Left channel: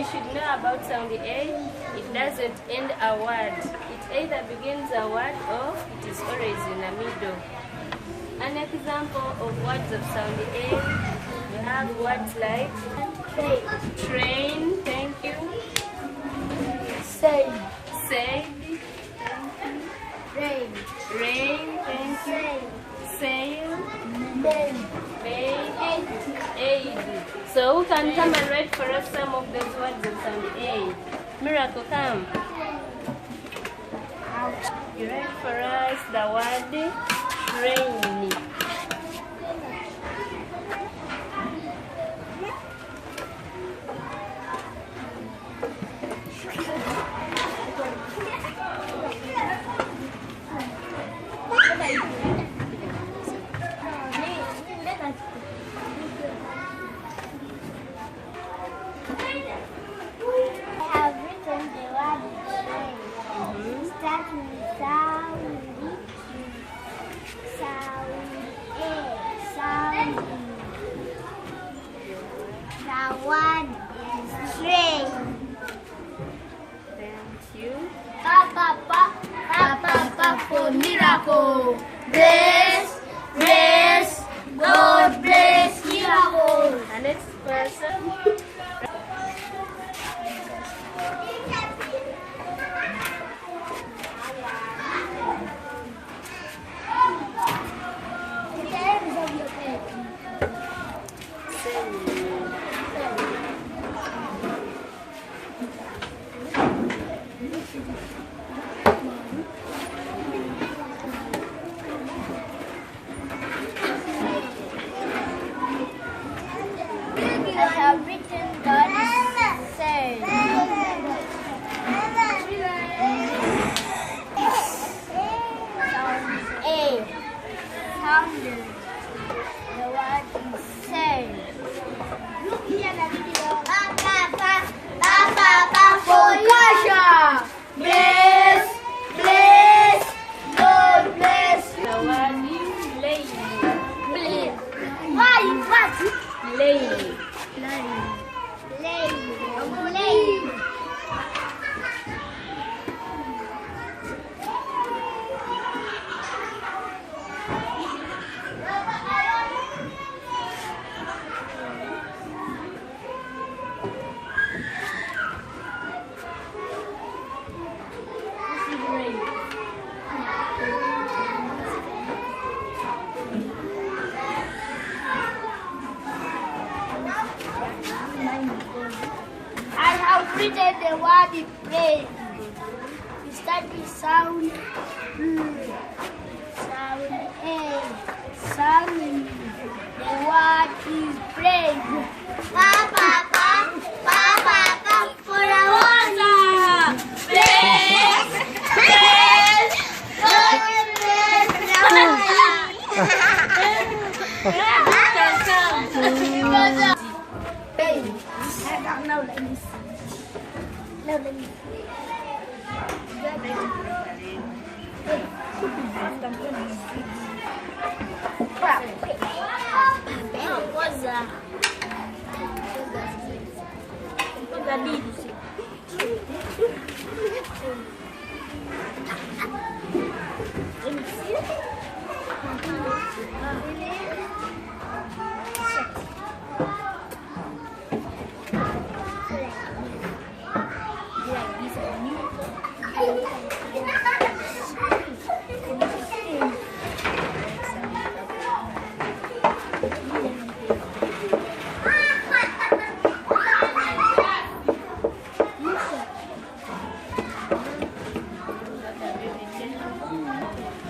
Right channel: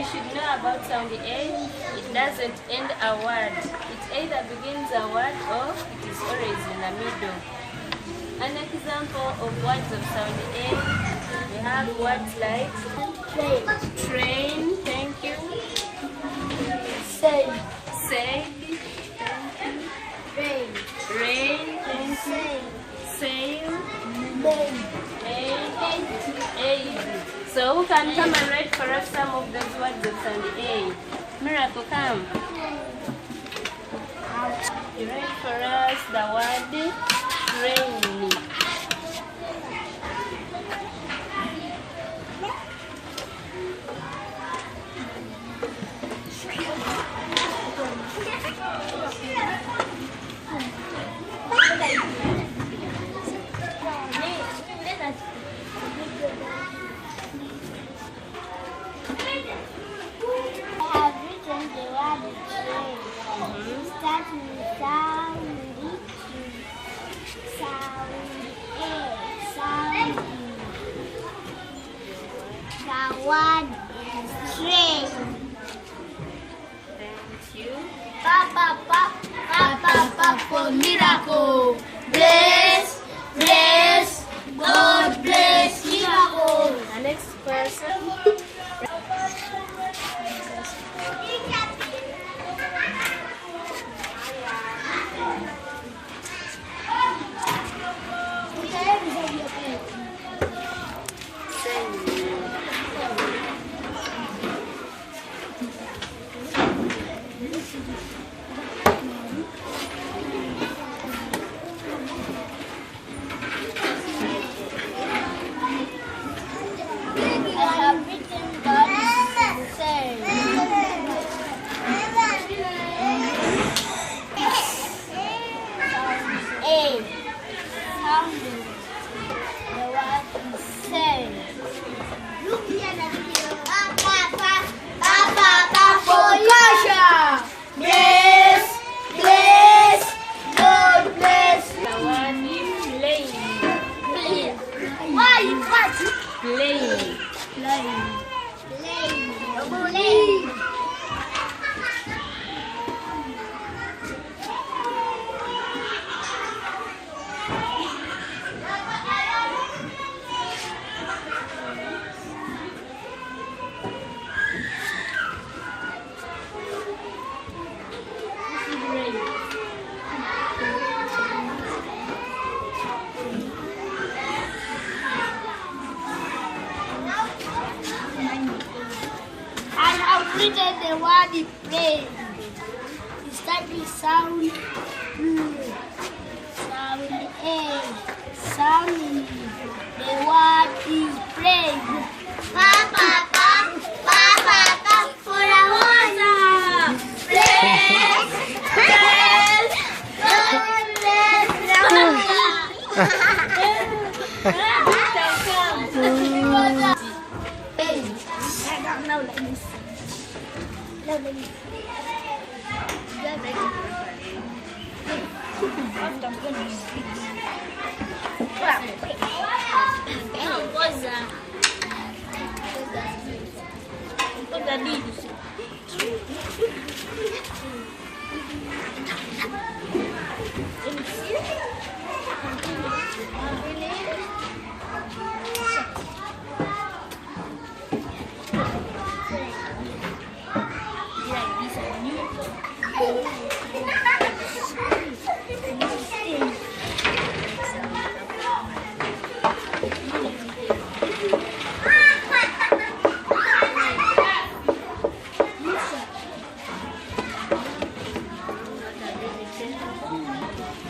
you should know about sound A, it doesn't end a word. It either begins a word or it is always in the middle. An example of words of sound A, we have words like train, thank you. Say, rain, thank you. Sail, aid. So who can come and write for us some of those words of sound A? Miracle, come. You write for us the word rain. One is train. Thank you. Pa for miracle. Bless, God bless miracle. The next person. I have written God says. Sound A. Sound. The word is says. Bless, God bless. The word is lay. I have written the word in plain. It starts with sound. Sound A. Sound. The word is plain. Pa for a water.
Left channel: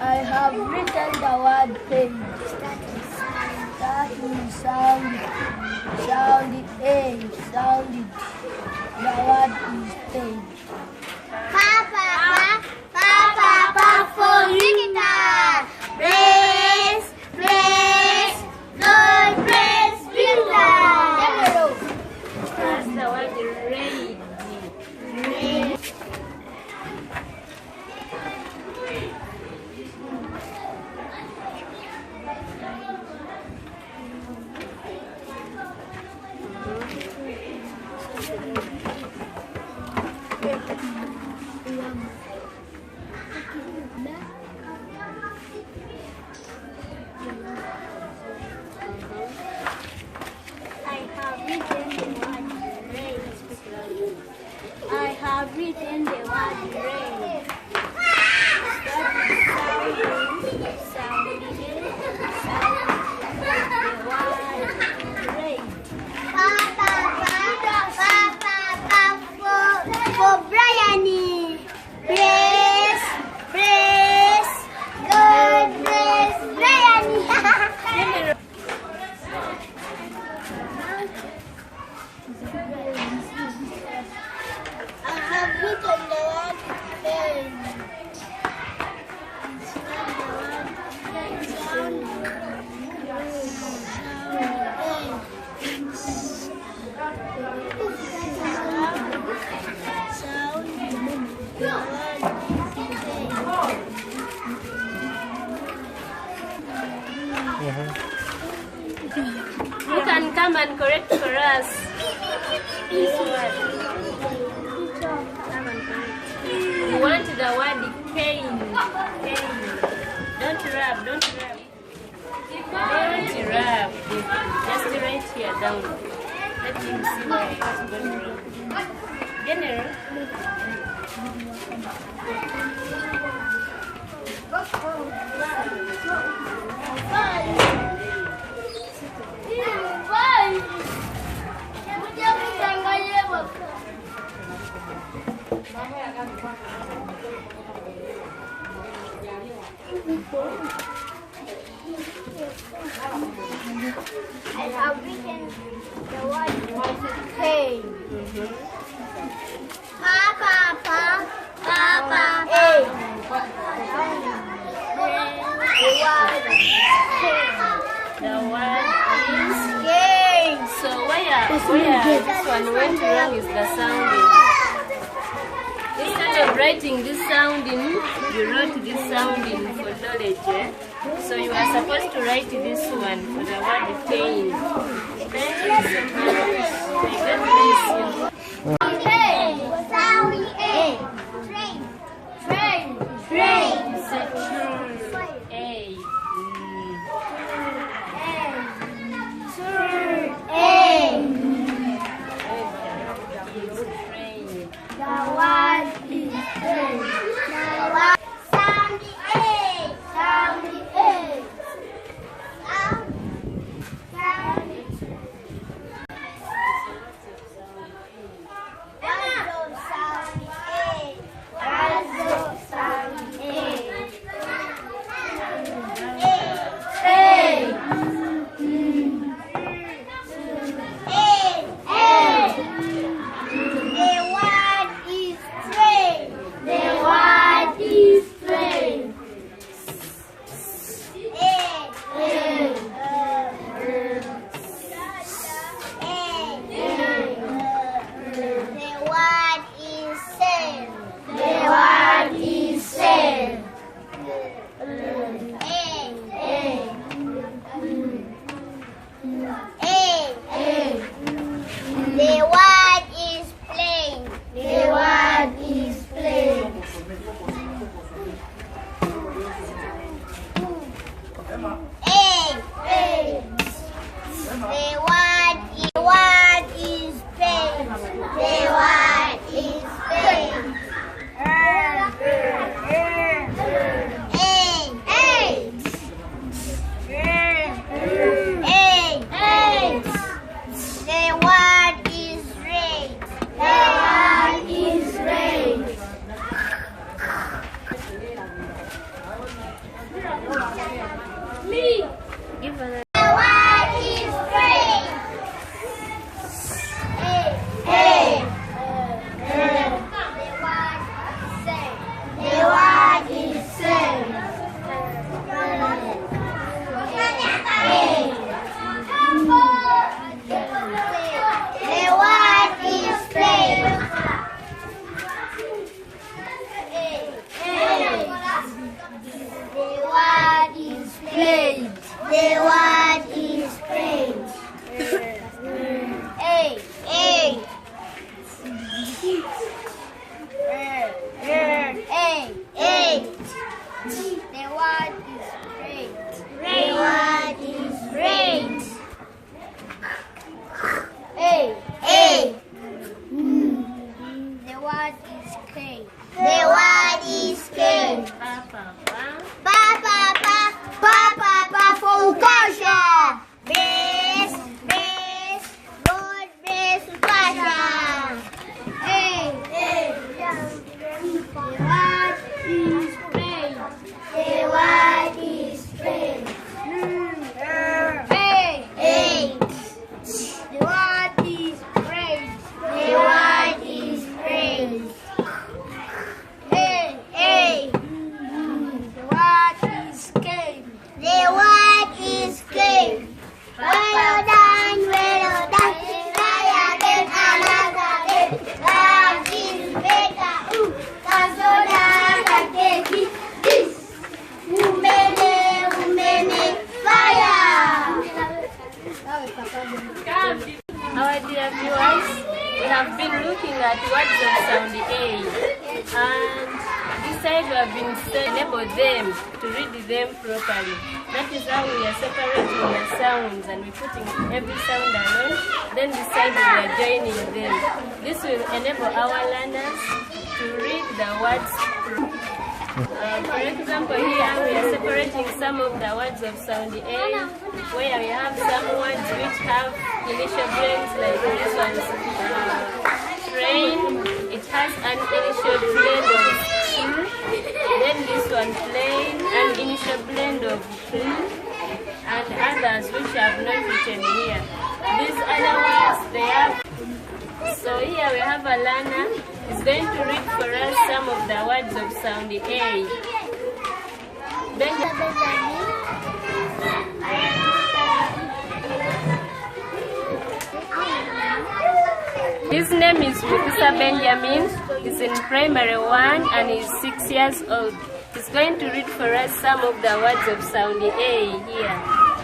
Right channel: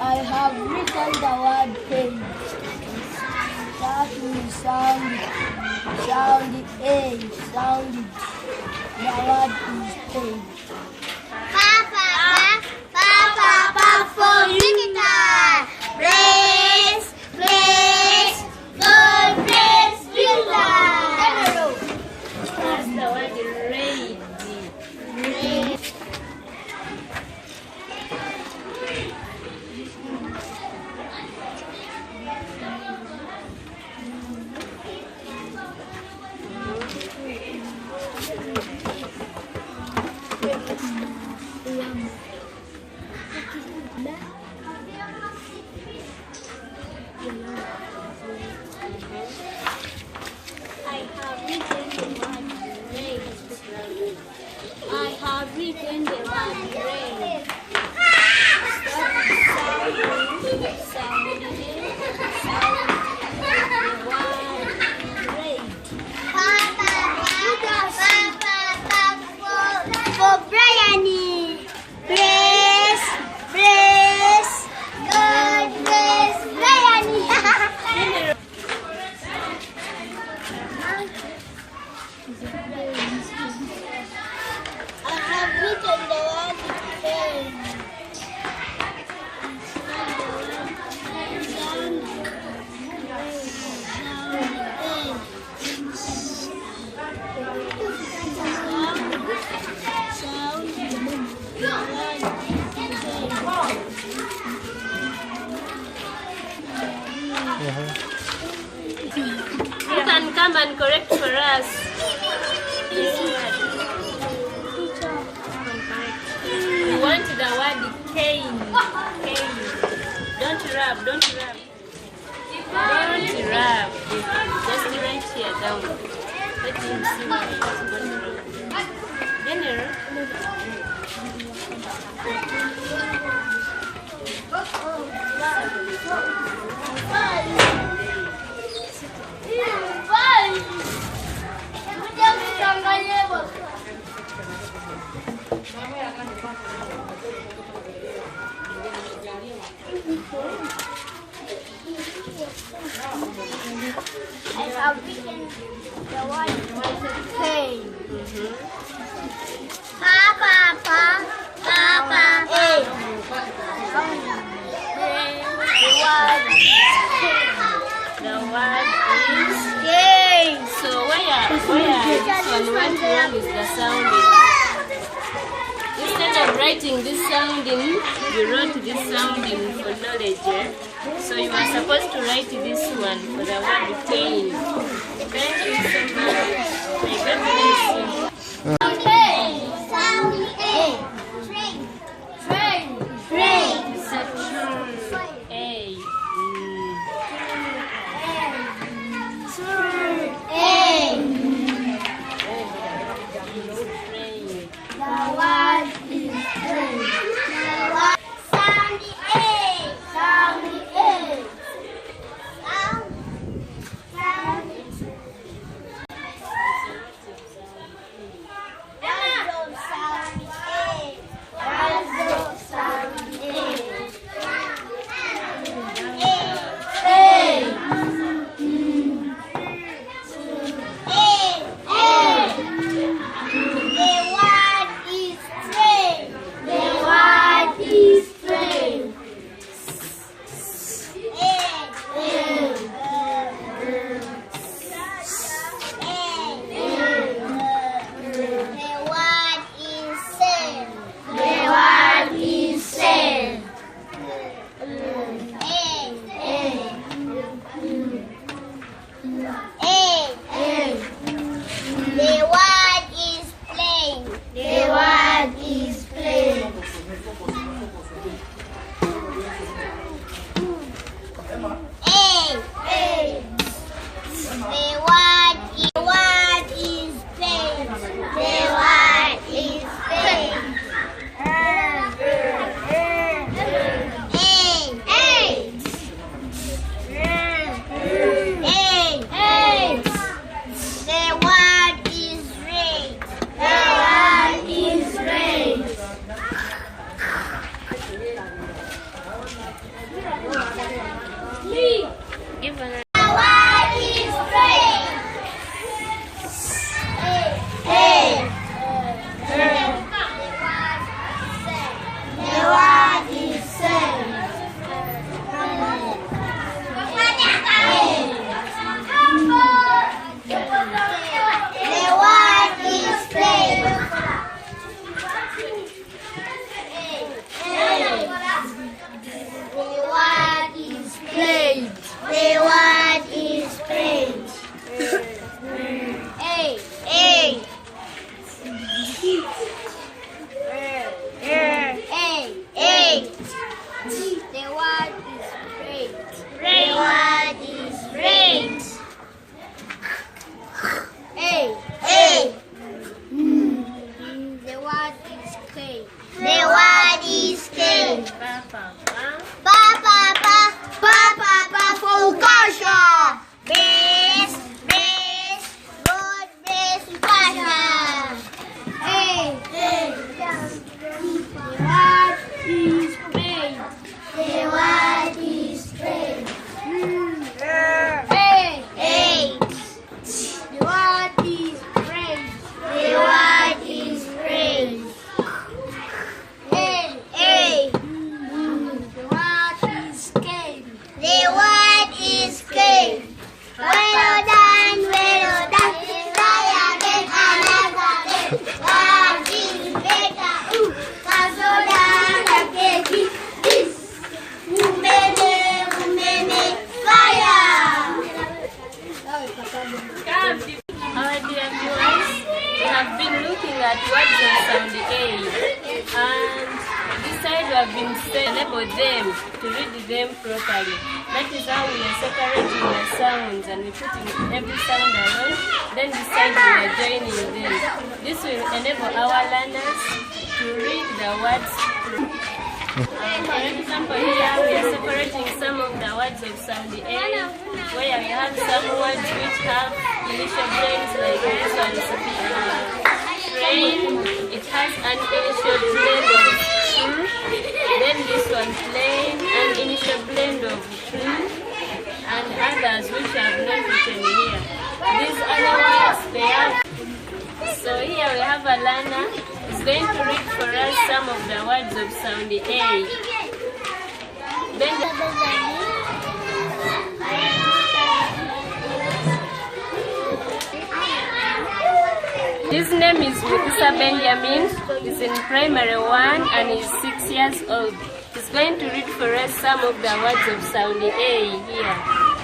I have written the word pen. That will sound A, sound. The word is pen. Pa for Victor. Bless, God bless Victor. That's the word rain. written the word train. You can come and correct for us this word. Come and correct. You want the word cane. Cane. Don't rub, don't rub. Don't rub. Just right here down. Let him see what it's going wrong. General. I have written the word train. Papa, The word is cane. so where this one went wrong is the sounding. Instead of writing this sounding, you wrote this sounding for knowledge. So you are supposed to write this one for the word cane. Thank you so much. May God bless you. have been looking at words of sound A, and this side we have been enable them to read them properly. That is how we are separating the sounds and we're putting every sound alone. Then this side we are joining them. This will enable our learners to read the words. For example, here we are separating some of the words of sound A, where we have some words which have initial blends like this one. Train, it has an initial blend of true. Then this one, plain, an initial blend of true, and others which have not written here. These other words, they have. So here we have a learner is going to read for us some of the words of sound A. Then his name is Musa Benjamin. He's in primary 1 and he's 6 years old. He's going to read for us some of the words of sound A here.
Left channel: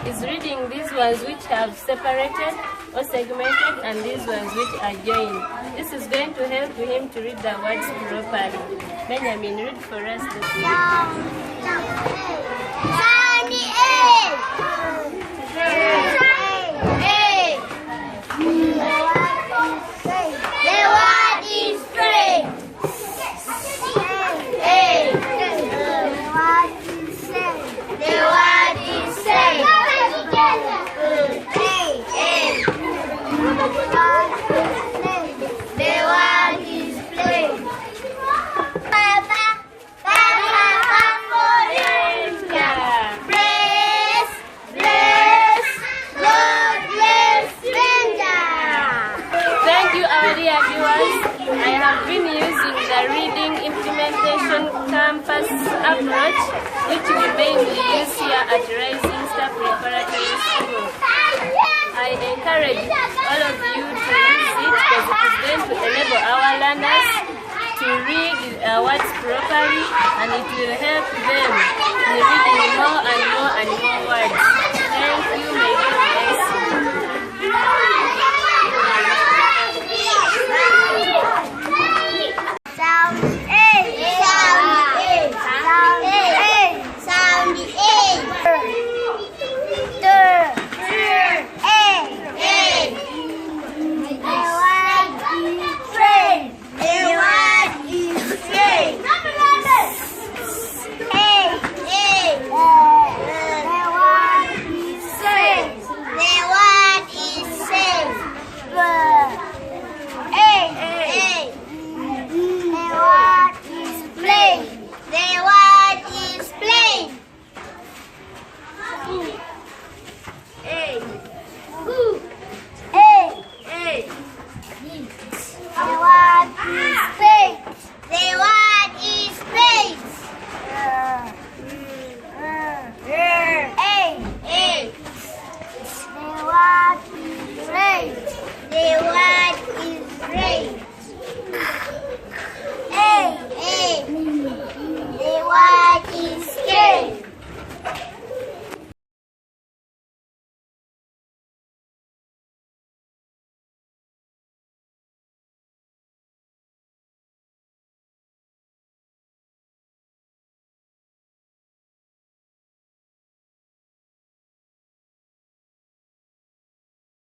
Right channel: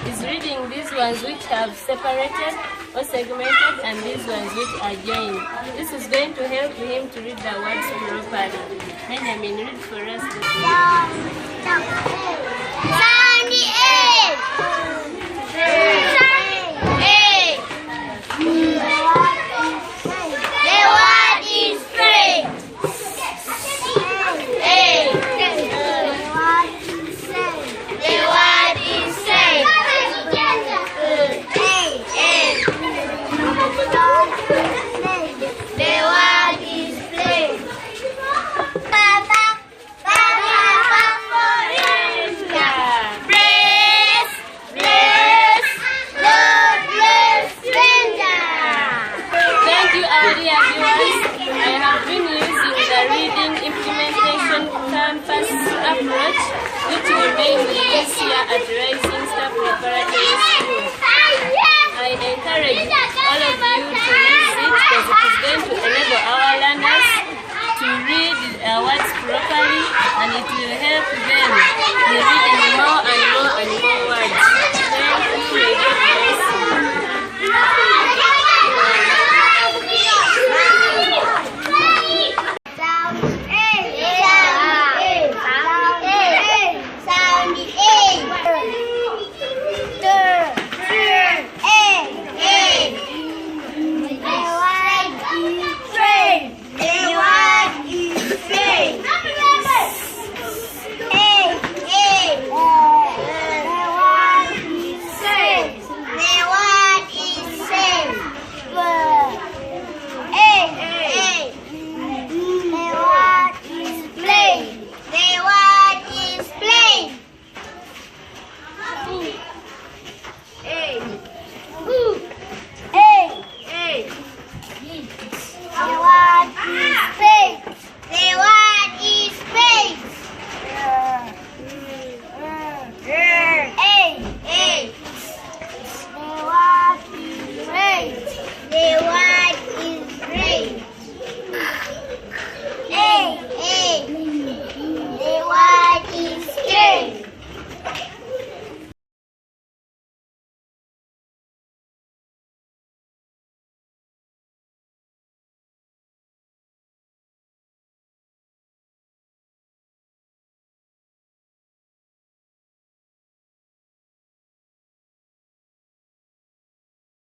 He's reading these ones which have separated or segmented and these ones which are joined. This is going to help him to read the words properly. Benjamin, read for us the sound A. The word is train. A. The word is train. The word is play. Thank you, our dear viewers. I have been using the reading implementation campus approach, which we mainly use here at Rising Star Preparatory School. I encourage all of you to use it because it is going to enable our learners to read words properly, and it will help them in reading more and more and more words. Thank you. May God bless you.